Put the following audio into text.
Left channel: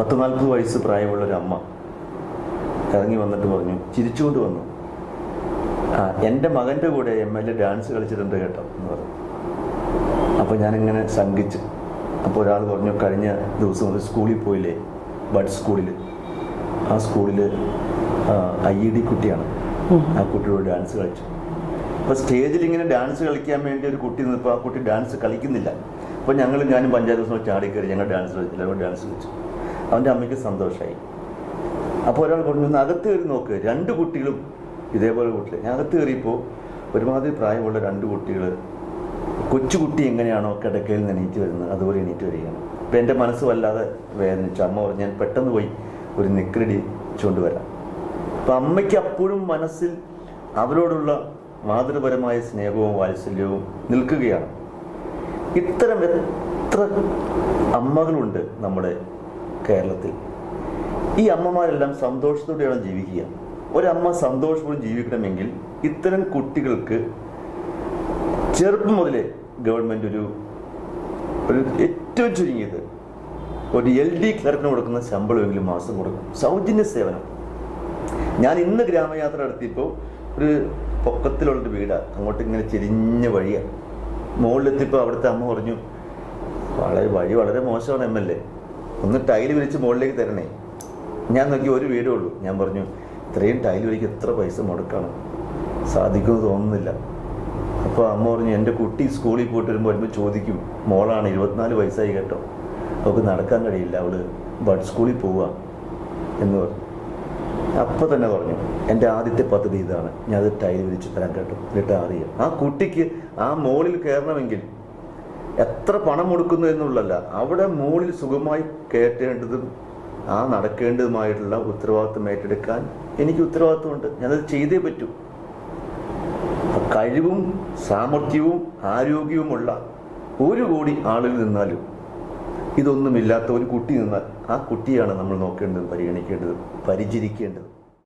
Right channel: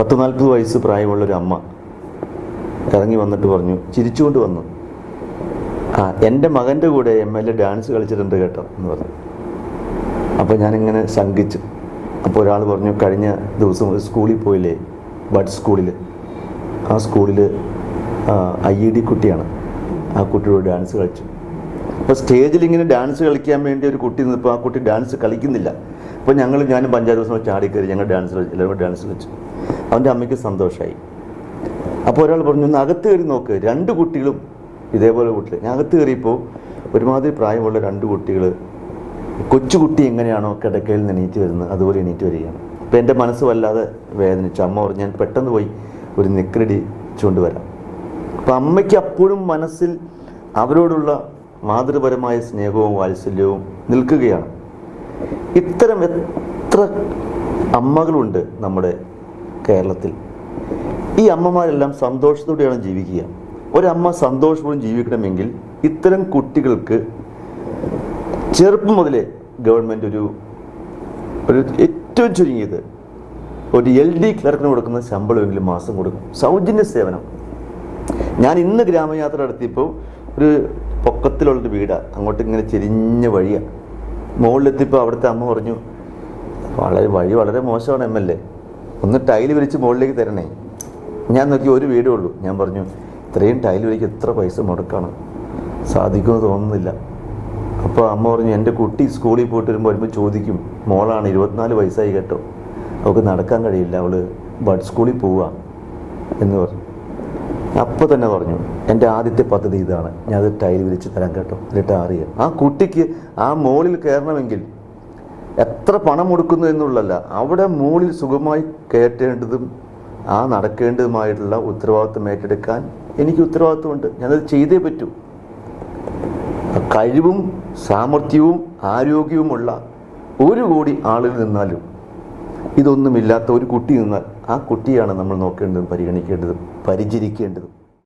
പത്ത് നാൽപ്പത് വയസ്സ് പ്രായമുള്ളൊരു അമ്മ കറങ്ങി വന്നിട്ട് പറഞ്ഞു ചിരിച്ചുകൊണ്ട് വന്നു. ആ എന്റെ മകന്റെ കൂടെ എം എൽ എ ഡാൻസ് കളിച്ചിട്ടുണ്ട് കേട്ടോ എന്ന് പറഞ്ഞു. അപ്പോൾ ഞാനിങ്ങനെ ശങ്കിച്ചു. അപ്പോൾ ഒരാൾ പറഞ്ഞു കഴിഞ്ഞ ദിവസം ഒരു സ്കൂളിൽ പോയില്ലേ ബഡ് സ്കൂളിൽ. ആ സ്കൂളിൽ ഐ ഇ ഡി കുട്ടിയാണ്. ആ കുട്ടിയോട് ഡാൻസ് കളിച്ചു. അപ്പോൾ സ്റ്റേജിൽ ഇങ്ങനെ ഡാൻസ് കളിക്കാൻ വേണ്ടി ഒരു കുട്ടി നിൽപ്പോൾ ആ കുട്ടി ഡാൻസ് കളിക്കുന്നില്ല. അപ്പോൾ ഞങ്ങൾ ഞാനും പഞ്ചായത്ത് ദിവസം ചാടിക്കയറി ഞങ്ങൾ ഡാൻസ് കളിച്ചു എല്ലാവരും ഡാൻസ് കളിച്ചു. അവന്റെ അമ്മയ്ക്ക് സന്തോഷമായി അപ്പോൾ ഒരാൾ പറഞ്ഞു ഒന്ന് അകത്ത് കയറി നോക്ക് രണ്ട് കുട്ടികളും ഇതേപോലെ കുട്ടികൾ ഞാൻ അകത്ത് കയറിയപ്പോൾ ഒരുമാതിരി പ്രായമുള്ള രണ്ട് കുട്ടികൾ കൊച്ചുകുട്ടി എങ്ങനെയാണോ കിടക്കയിൽ നിന്ന് എണീറ്റ് വരുന്നത് അതുപോലെ എണീറ്റ് വരികയാണ്. അപ്പം എന്റെ മനസ്സ് വല്ലാതെ വേദനിച്ചു. അമ്മ പറഞ്ഞു ഞാൻ പെട്ടെന്ന് പോയി ഒരു നിക്രടി ചൂണ്ടുവരാം. അപ്പം അമ്മയ്ക്ക് അപ്പോഴും മനസ്സിൽ അവരോടുള്ള മാതൃപരമായ സ്നേഹവും വാത്സല്യവും നിൽക്കുകയാണ്. ഇത്തരം എത്ര അമ്മകളുണ്ട് നമ്മുടെ കേരളത്തിൽ? ഈ അമ്മമാരെല്ലാം സന്തോഷത്തോടെയാണ് ജീവിക്കുക. ഒരമ്മ സന്തോഷപൂർവം ജീവിക്കണമെങ്കിൽ ഇത്തരം കുട്ടികൾക്ക് ചെറുപ്പം മുതലേ ഗവൺമെന്റ് ഒരു ഒരു ഏറ്റവും ചുരുങ്ങിയത് ഒരു എൽ ഡി ക്ലർക്കിന് കൊടുക്കുന്ന ശമ്പളമെങ്കിലും മാസം കൊടുക്കും. സൗജന്യ സേവനം. ഞാൻ ഇന്ന് ഗ്രാമയാത്ര നടത്തിയപ്പോൾ ഒരു പൊക്കത്തിലുള്ളൊരു വീടാണ് അങ്ങോട്ട് ഇങ്ങനെ ചെരിഞ്ഞ വഴിയാണ് മുകളിലെത്തിയപ്പോൾ അവിടുത്തെ അമ്മ പറഞ്ഞു വളരെ വഴി വളരെ മോശമാണ് എം എൽ എ. ഒന്ന് ടൈൽ വിരിച്ച് മുകളിലേക്ക് തരണേ. ഞാൻ നോക്കി ഒരു വീടേ ഉള്ളൂ. ഞാൻ പറഞ്ഞു ഇത്രയും ടൈൽ വിരിക്ക് എത്ര പൈസ മുടക്കണം? സാധിക്കുമെന്ന് തോന്നുന്നില്ല. അപ്പോൾ അമ്മ പറഞ്ഞു എന്റെ കുട്ടി സ്കൂളിൽ പോയിട്ട് വരുമ്പോൾ വരുമ്പോൾ ചോദിക്കും മോളാണ് ഇരുപത്തിനാല് വയസ്സായി കേട്ടോ. അവൾക്ക് നടക്കാൻ കഴിയില്ല അവൾ ബഡ് സ്കൂളിൽ പോവുക എന്ന് പറഞ്ഞു. അപ്പോൾ തന്നെ പറഞ്ഞു എന്റെ ആദ്യത്തെ പദ്ധതി ഇതാണ്. ഞാനത് ടൈൽ വിളിച്ച് തരാൻ കേട്ടോ. എന്നിട്ട് അറിയാം ആ കുട്ടിക്ക് ആ മോളിൽ കയറണമെങ്കിൽ എത്ര പണം കൊടുക്കുന്നു എന്നുള്ളതല്ല അവിടെ മോളിൽ സുഖമായി കയറ്റേണ്ടതും ആ നടക്കേണ്ടതുമായിട്ടുള്ള ഉത്തരവാദിത്വം ഏറ്റെടുക്കാൻ എനിക്ക് ഉത്തരവാദിത്വമുണ്ട്. ഞാനത് ചെയ്തേ പറ്റൂ. കഴിവും സാമർഥ്യവും ആരോഗ്യവുമുള്ള ഒരു കോടി ആളിൽ നിന്നാലും ഇതൊന്നുമില്ലാത്ത ഒരു കുട്ടി നിന്നാൽ ആ കുട്ടിയാണ് നമ്മൾ നോക്കേണ്ടതും പരിഗണിക്കേണ്ടതും പരിചരിക്കേണ്ടതും.